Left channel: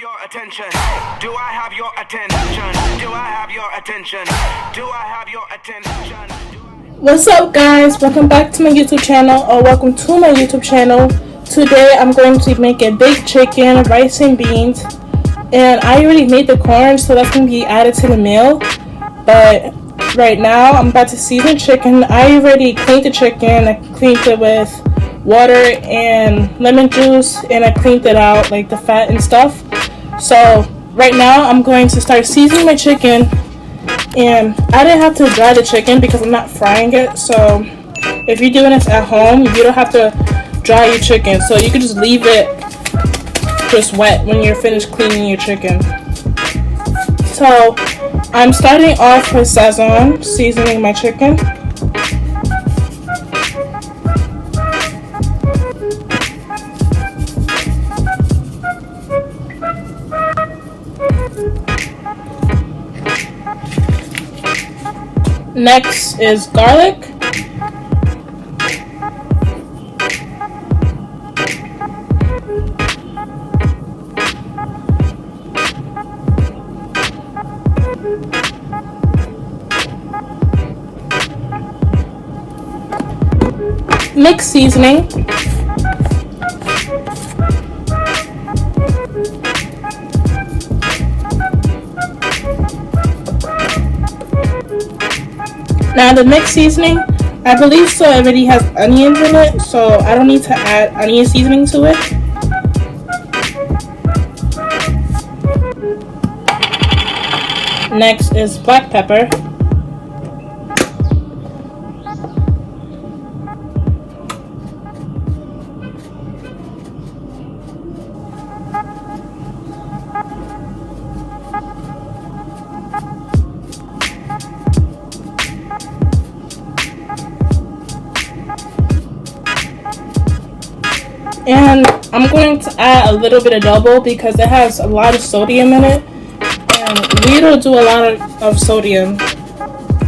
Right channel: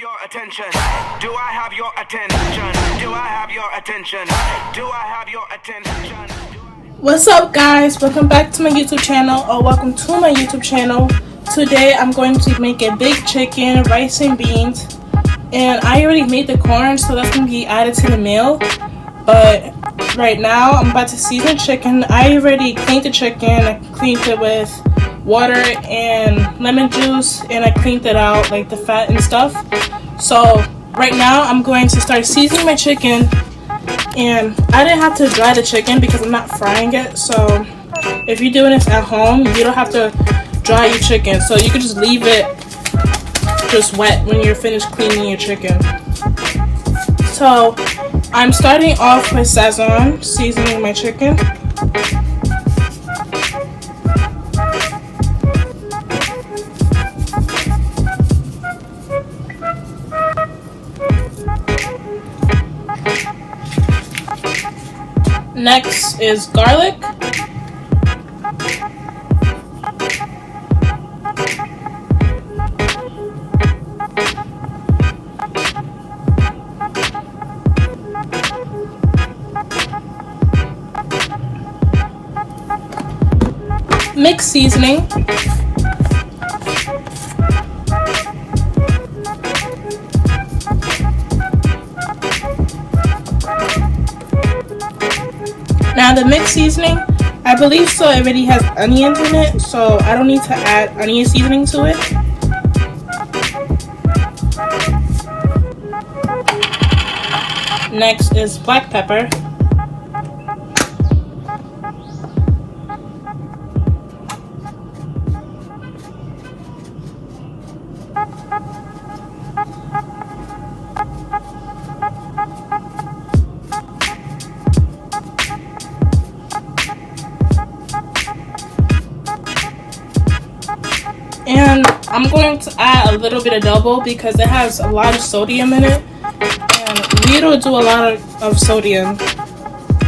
your attention? Do I have your attention? Do I have your attention? Do I have your attention? What's up, guys? Welcome back to my YouTube channel, or welcome to my YouTube channel. Today I'm going to make a baked chicken, rice and beans, and I already made the corn, so that's going to be added to the meal. But right now I'm about to season chicken. I already cleaned the chicken. I cleaned it with water and lemon juice, and I cleaned it out, like the fat and stuff. So right now I'm going to start seasoning my chicken, and I didn't have to dry the chicken because I'm not frying it. So if you're doing this at home, you don't have to dry your chicken, so you can just leave it just wet when you're finished cleaning your chicken. So I'm starting off with Sazon, seasoning my chicken. Next is garlic. Mixed seasoning. Now the mixed seasoning, I believe so already has onions in it, so I don't need to add onion seasoning to it. Next is black pepper. And I'm going to add a little bit of double because it has a lot of sodium in it, and we don't do a lot of sodium,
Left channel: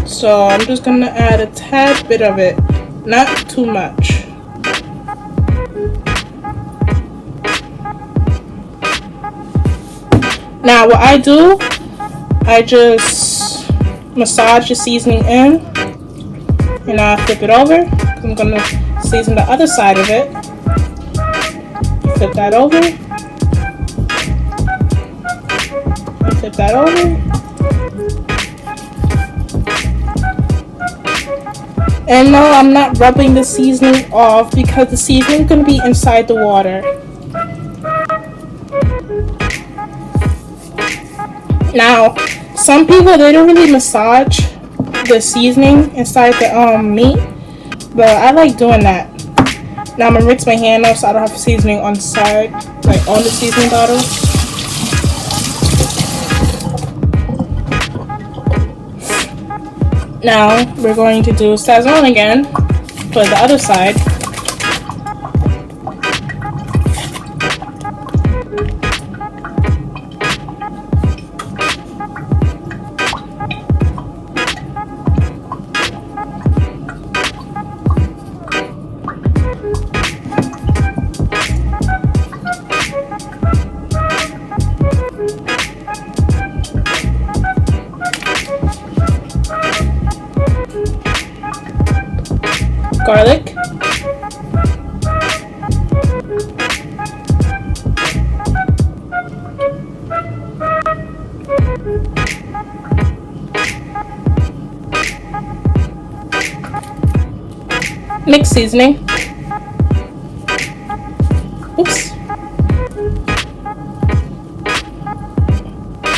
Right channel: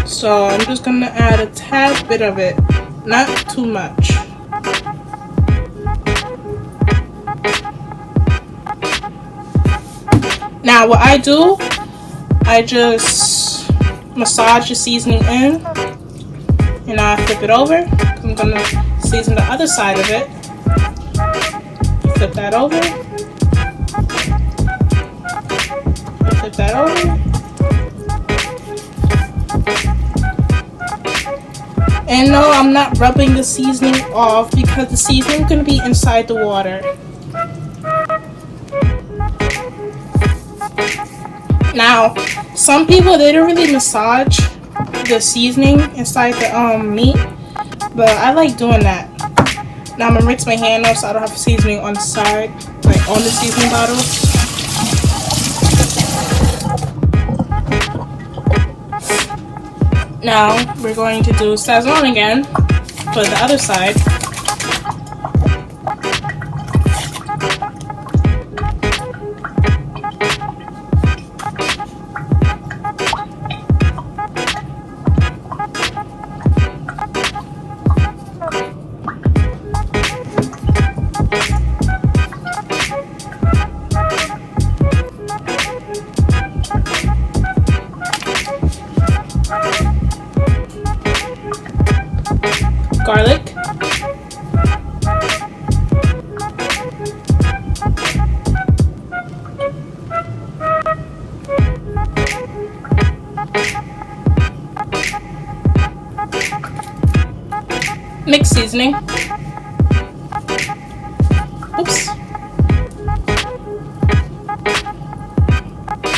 so I'm just going to add a tad bit of it, not too much. Now what I do, I just massage the seasoning in, and I flip it over. I'm going to season the other side of it. Flip that over. Flip that over. And no, I'm not rubbing the seasoning off because the seasoning is going to be inside the water. Now, some people, they don't really massage the seasoning inside the meat, but I like doing that. Now I'm going to rinse my hand off so I don't have seasoning on the side, like on the seasoning bottle. Now we're going to do Sazon again for the other side. Garlic. Mixed seasoning. Oops.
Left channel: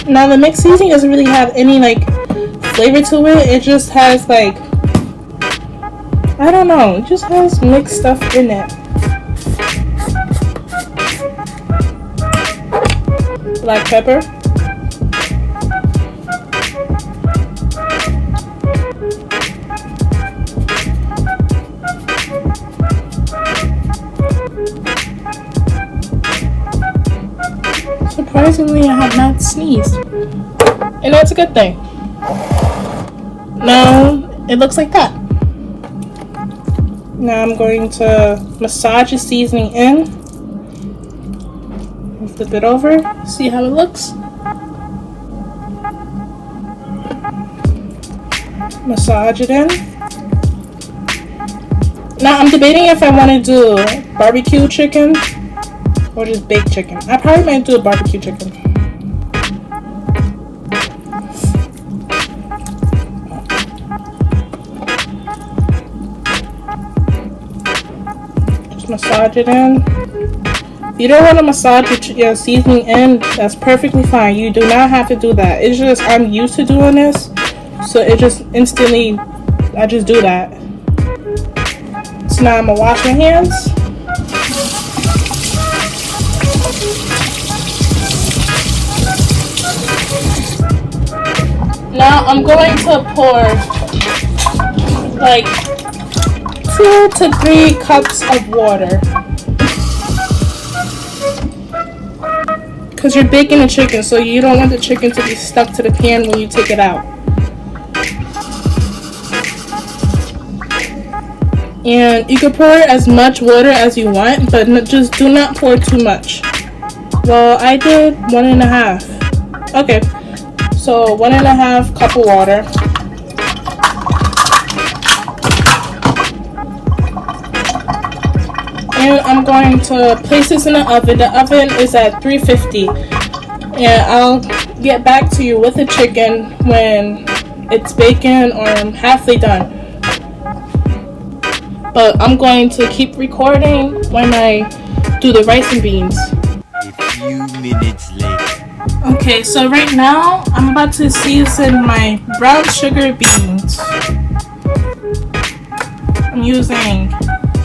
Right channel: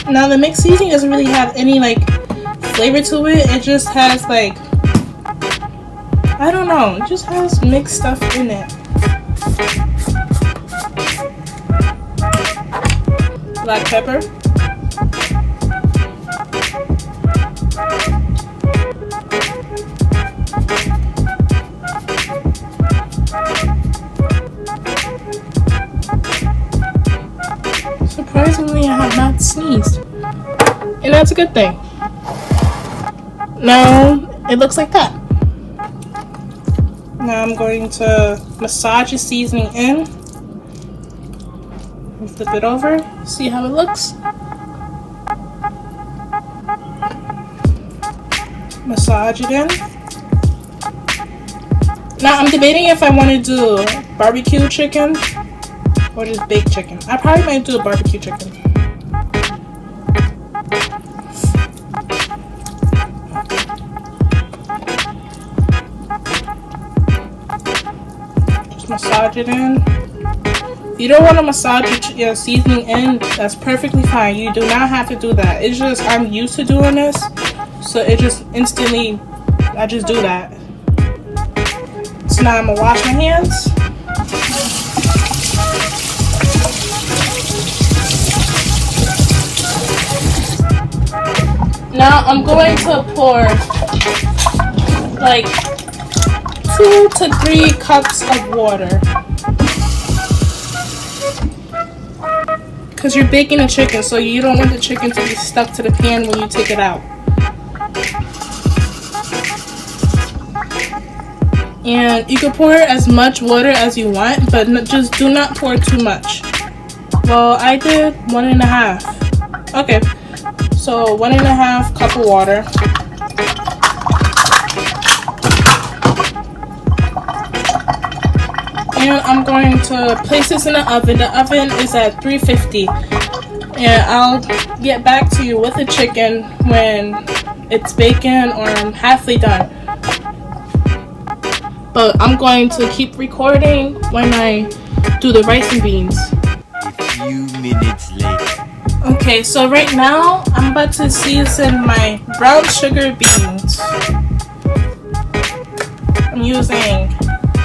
Now the mixed seasoning doesn't really have any like flavor to it. It just has like, I don't know, it just has mixed stuff in it. Black pepper. Surprisingly, I have not sneezed, and that's a good thing. Now it looks like that. Now I'm going to massage the seasoning in. Flip it over, see how it looks. Massage it in. Now I'm debating if I want to do barbecue chicken or just baked chicken. I probably might do a barbecue chicken. Just massage it in. If you don't want to massage your seasoning in, that's perfectly fine. You do not have to do that. It's just I'm used to doing this, so it just instantly, I just do that. So now I'm gonna wash my hands. Now I'm going to pour like 2 to 3 cups of water. Because you're baking a chicken, so you don't want the chicken to be stuck to the pan when you take it out. And you can pour as much water as you want, but just do not pour too much. Well, I did 1.5. Okay, so 1.5 cup of water. And I'm going to place this in the oven. The oven is at 350. And I'll get back to you with the chicken when it's baking or I'm halfway done. But I'm going to keep recording when I do the rice and beans. A few minutes later. Okay, so right now I'm about to season my brown sugar beans. I'm using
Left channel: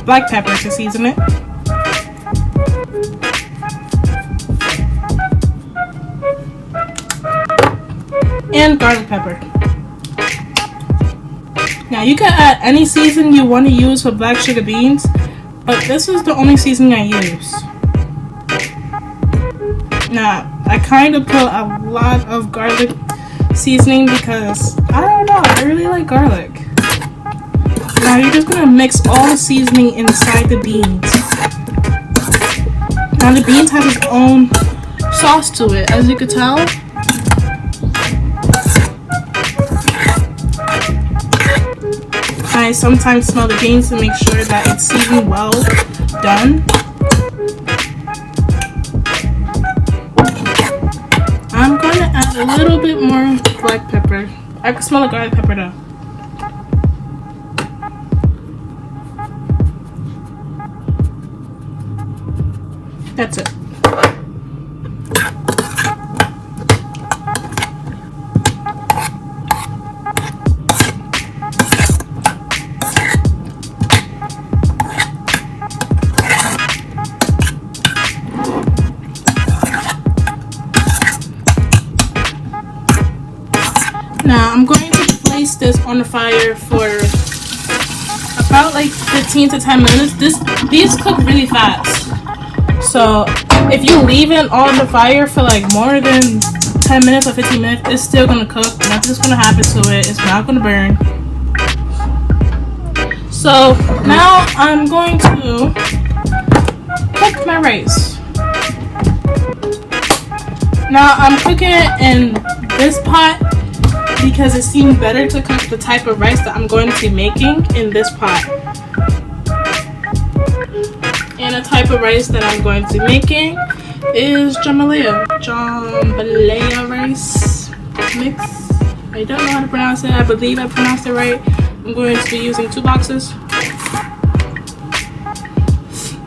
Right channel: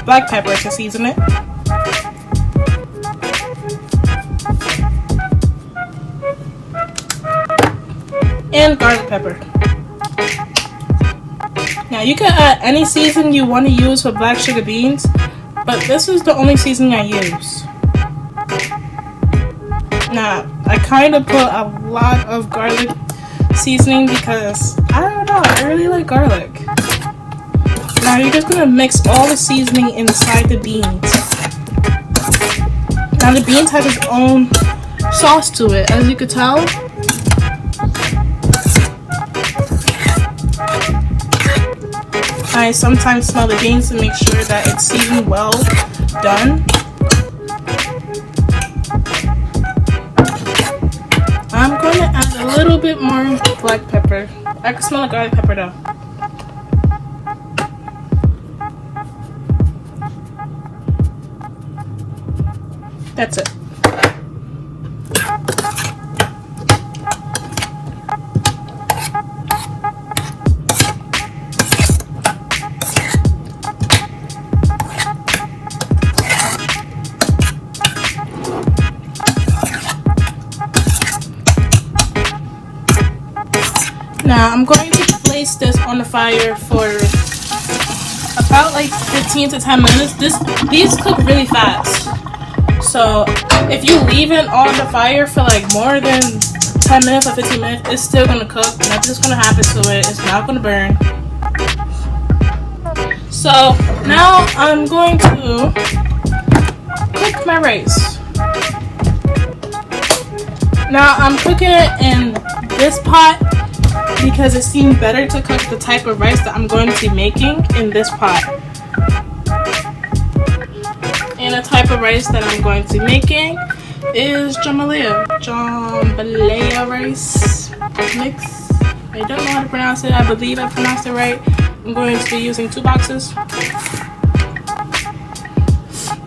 black pepper to season it. And garlic pepper. Now you can add any seasoning you want to use for black sugar beans, but this is the only seasoning I use. Now I kind of put a lot of garlic seasoning because I don't know, I really like garlic. Now you're just gonna mix all the seasoning inside the beans. Now the beans have its own sauce to it, as you can tell. I sometimes smell the beans to make sure that it's seasoned well done. I'm going to add a little bit more black pepper. I can smell the garlic pepper though. That's it. Now I'm going to place this on the fire for about like 15 to 10 minutes. These cook really fast. So if you leave it on the fire for like more than 10 minutes or 15 minutes, it's still gonna cook. Nothing's gonna happen to it. It's not gonna burn. So now I'm going to cook my rice. Now I'm cooking it in this pot because it seemed better to cook the type of rice that I'm going to be making in this pot. And the type of rice that I'm going to be making is jambalaya rice mix. I don't know how to pronounce it. I believe I pronounced it right. I'm going to be using 2 boxes.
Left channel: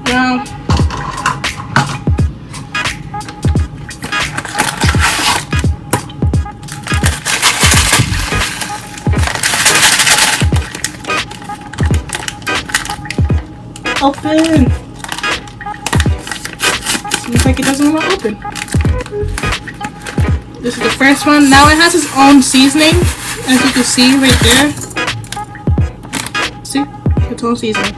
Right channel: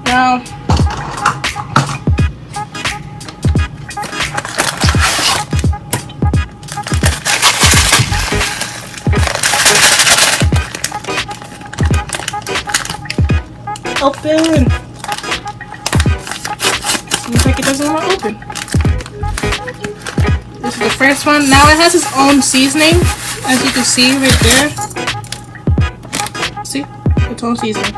Now, open. Seems like it doesn't want to open. This is the first one. Now it has its own seasoning, as you can see right there. See? Its own seasoning.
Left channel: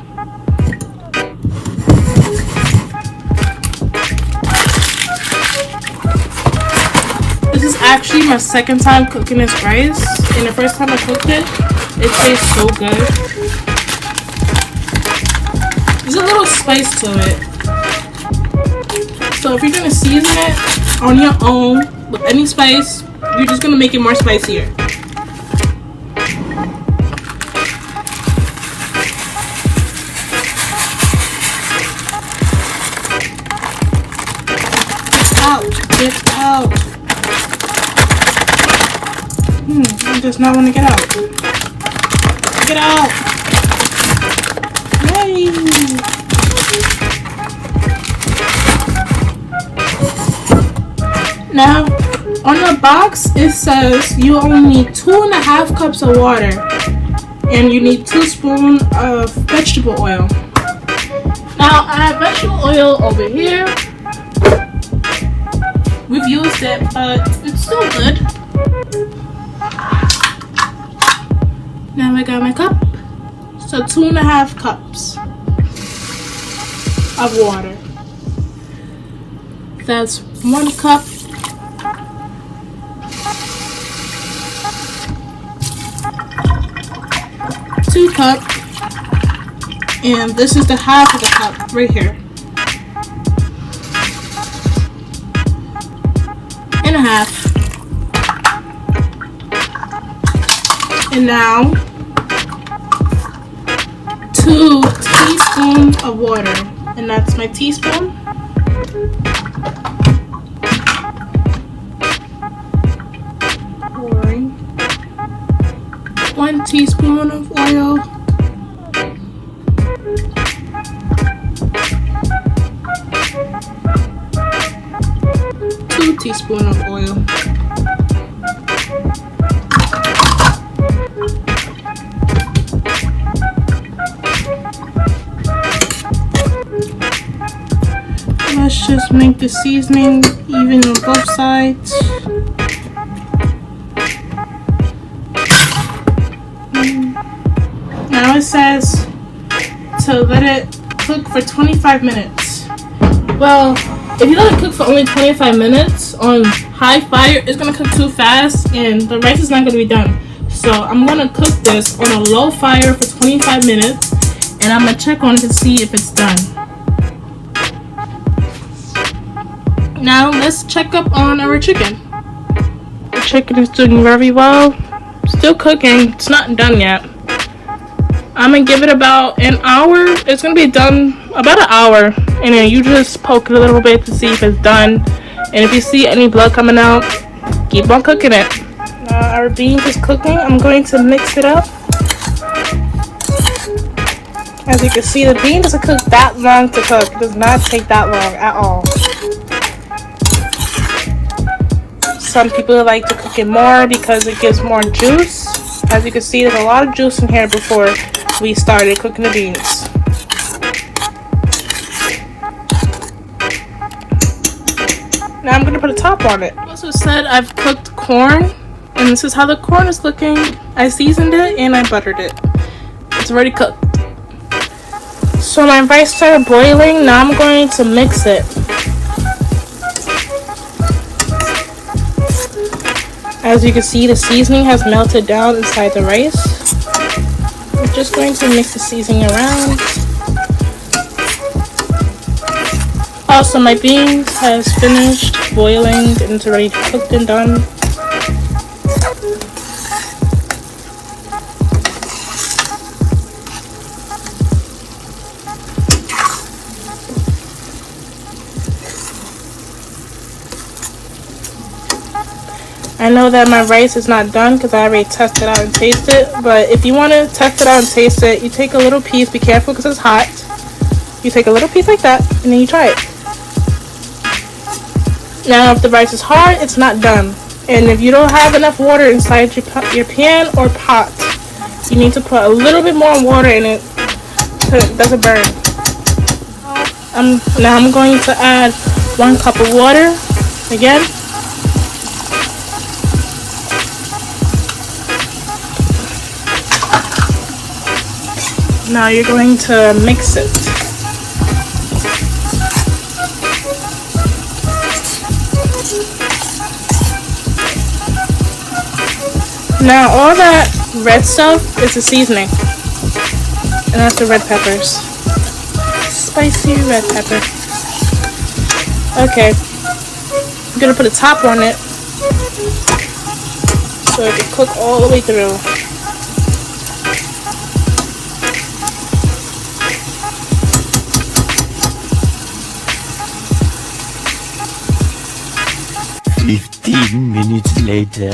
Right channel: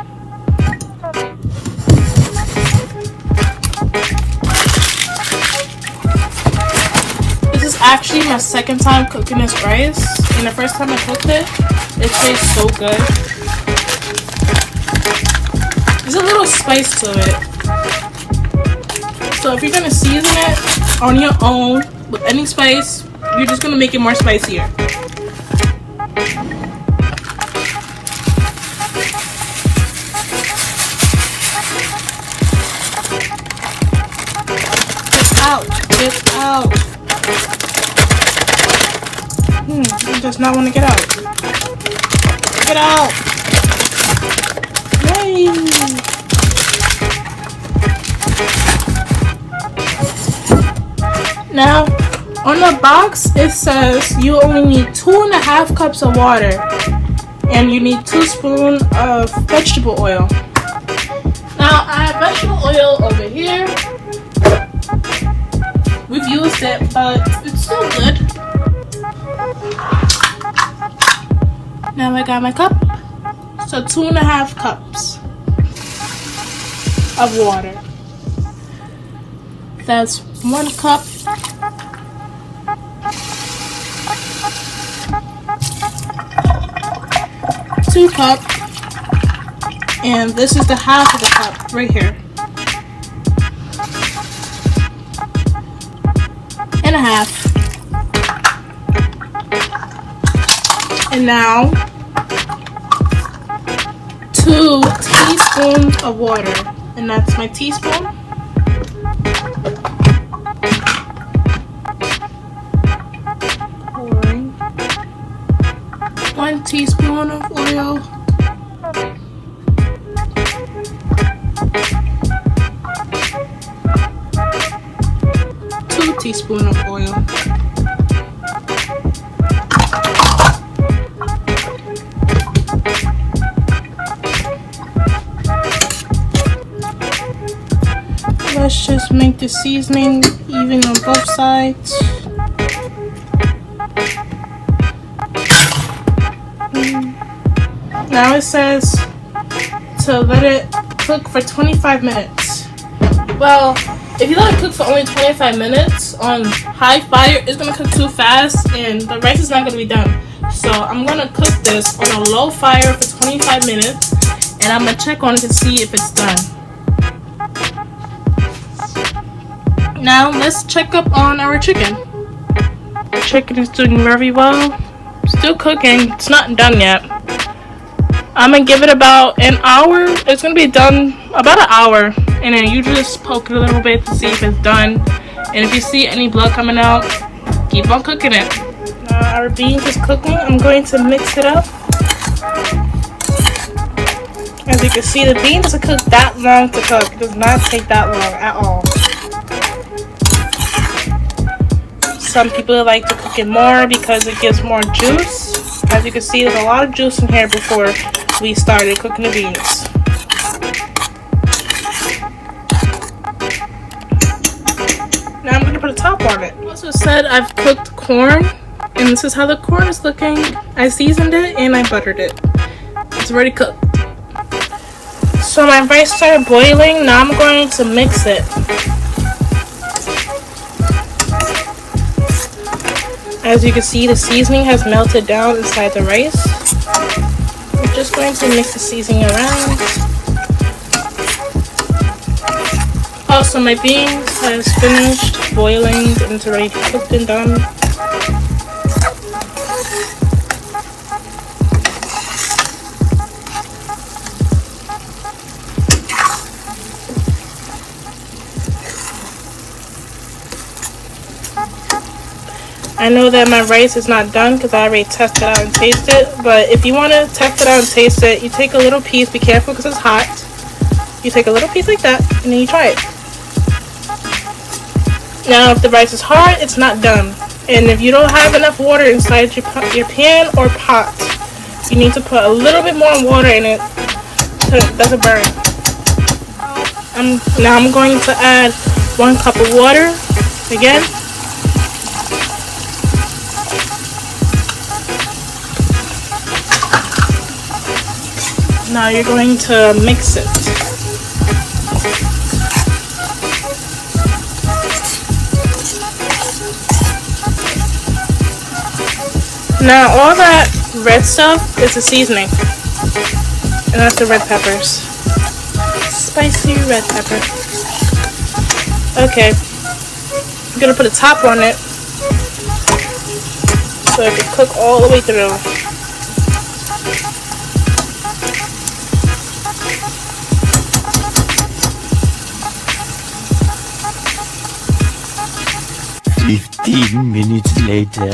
This is actually my second time cooking this rice. And the first time I cooked it, it tastes so good. There's a little spice to it. So if you're gonna season it on your own with any spice, you're just gonna make it more spicier. Get out. It does not want to get out. Get out. Yay. Now, on the box, it says you only need 2.5 cups of water and you need 2 spoons of vegetable oil. Now, I have vegetable oil over here. We've used it, but it's still good. Now I got my cup. So 2.5 cups of water. That's 1 cup. Two cup. And this is the half of the cup right here. Half. And now 2 teaspoons of water, and that's my teaspoon. Pouring 1 teaspoon of oil. Teaspoon of oil. Let's just make the seasoning even on both sides. Now it says to let it cook for 25 minutes. Well, if you let it cook for only 25 minutes on high fire, it's going to cook too fast and the rice is not going to be done. So I'm going to cook this on a low fire for 25 minutes and I'm going to check on it to see if it's done. Now let's check up on our chicken. The chicken is doing very well. Still cooking. It's not done yet. I'm going to give it about an hour. It's going to be done about an hour. And then you just poke it a little bit to see if it's done. And if you see any blood coming out, keep on cooking it. Now our beans is cooking. I'm going to mix it up. As you can see, the bean doesn't cook that long to cook. It does not take that long at all. Some people like to cook it more because it gives more juice. As you can see, there's a lot of juice in here before we started cooking the beans. Now I'm going to put a top on it. I also said I've cooked corn, and this is how the corn is looking. I seasoned it and I buttered it. It's already cooked. So my rice started boiling. Now I'm going to mix it. As you can see, the seasoning has melted down inside the rice. I'm just going to mix the seasoning around. Also, my beans has finished boiling and it's already cooked and done. I know that my rice is not done because I already tested it out and tasted it. But if you want to test it out and taste it, you take a little piece. Be careful because it's hot. You take a little piece like that and then you try it. Now, if the rice is hard, it's not done. And if you don't have enough water inside your pan or pot, you need to put a little bit more water in it so it doesn't burn. Now I'm going to add 1 cup of water again. Now you're going to mix it. Now all that red stuff is the seasoning. And that's the red peppers. Spicy red pepper. Okay. I'm gonna put a top on it so it can cook all the way through. Minutes later.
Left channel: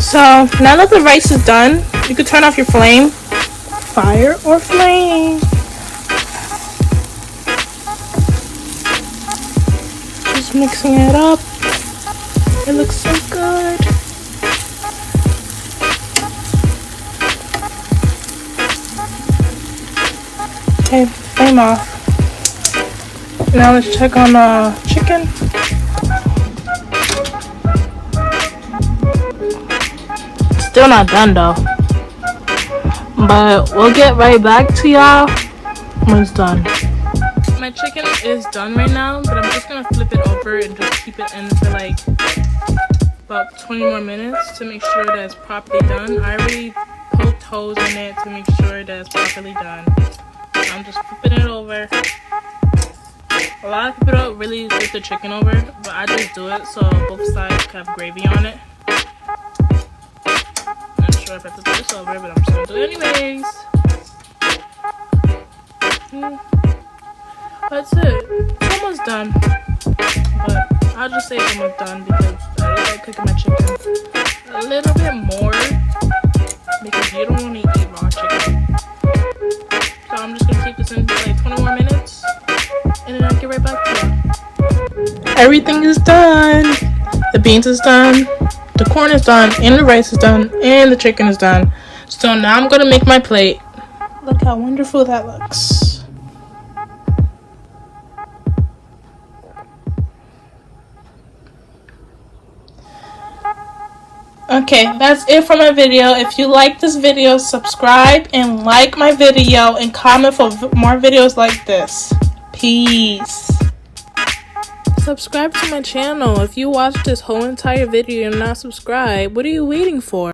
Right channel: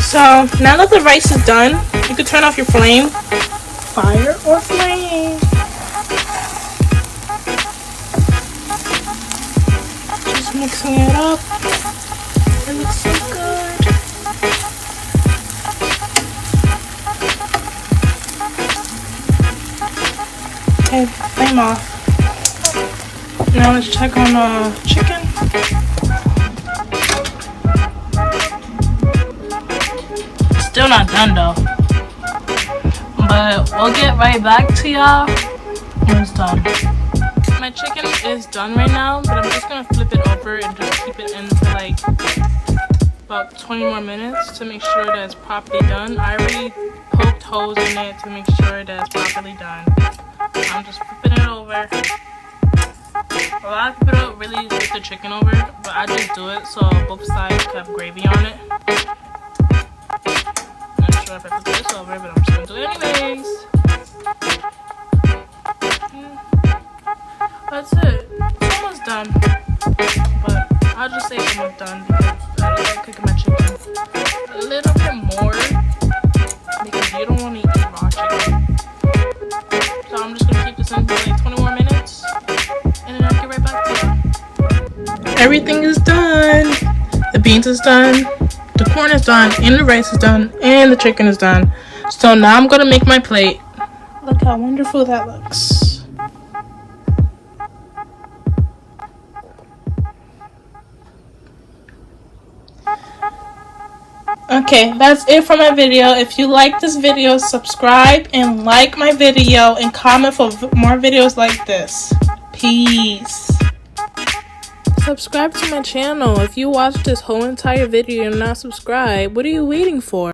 So now that the rice is done, you can turn off your flame. Fire or flame. Just mixing it up. It looks so good. Okay, flame off. Now let's check on the chicken. Still not done though. But we'll get right back to y'all when it's done. My chicken is done right now, but I'm just gonna flip it over and just keep it in for like about 20 more minutes to make sure that it's properly done. I already poked holes in it to make sure that it's properly done. I'm just flipping it over. A lot of people don't really flip the chicken over, but I just do it so both sides have gravy on it. I'm not sure if I put this over, but I'm just gonna do it anyways. That's it. It's almost done. But I'll just say it's almost done because I like cooking my chicken a little bit more because you don't want to eat raw chicken. So I'm just gonna keep this in for like 20 more minutes and then I'll get right back to you. Everything is done. The beans is done. The corn is done, and the rice is done, and the chicken is done. So now I'm gonna make my plate. Look how wonderful that looks. Okay, that's it for my video. If you like this video, subscribe and like my video and comment for more videos like this. Peace. Subscribe to my channel. If you watched this whole entire video and not subscribed, what are you waiting for?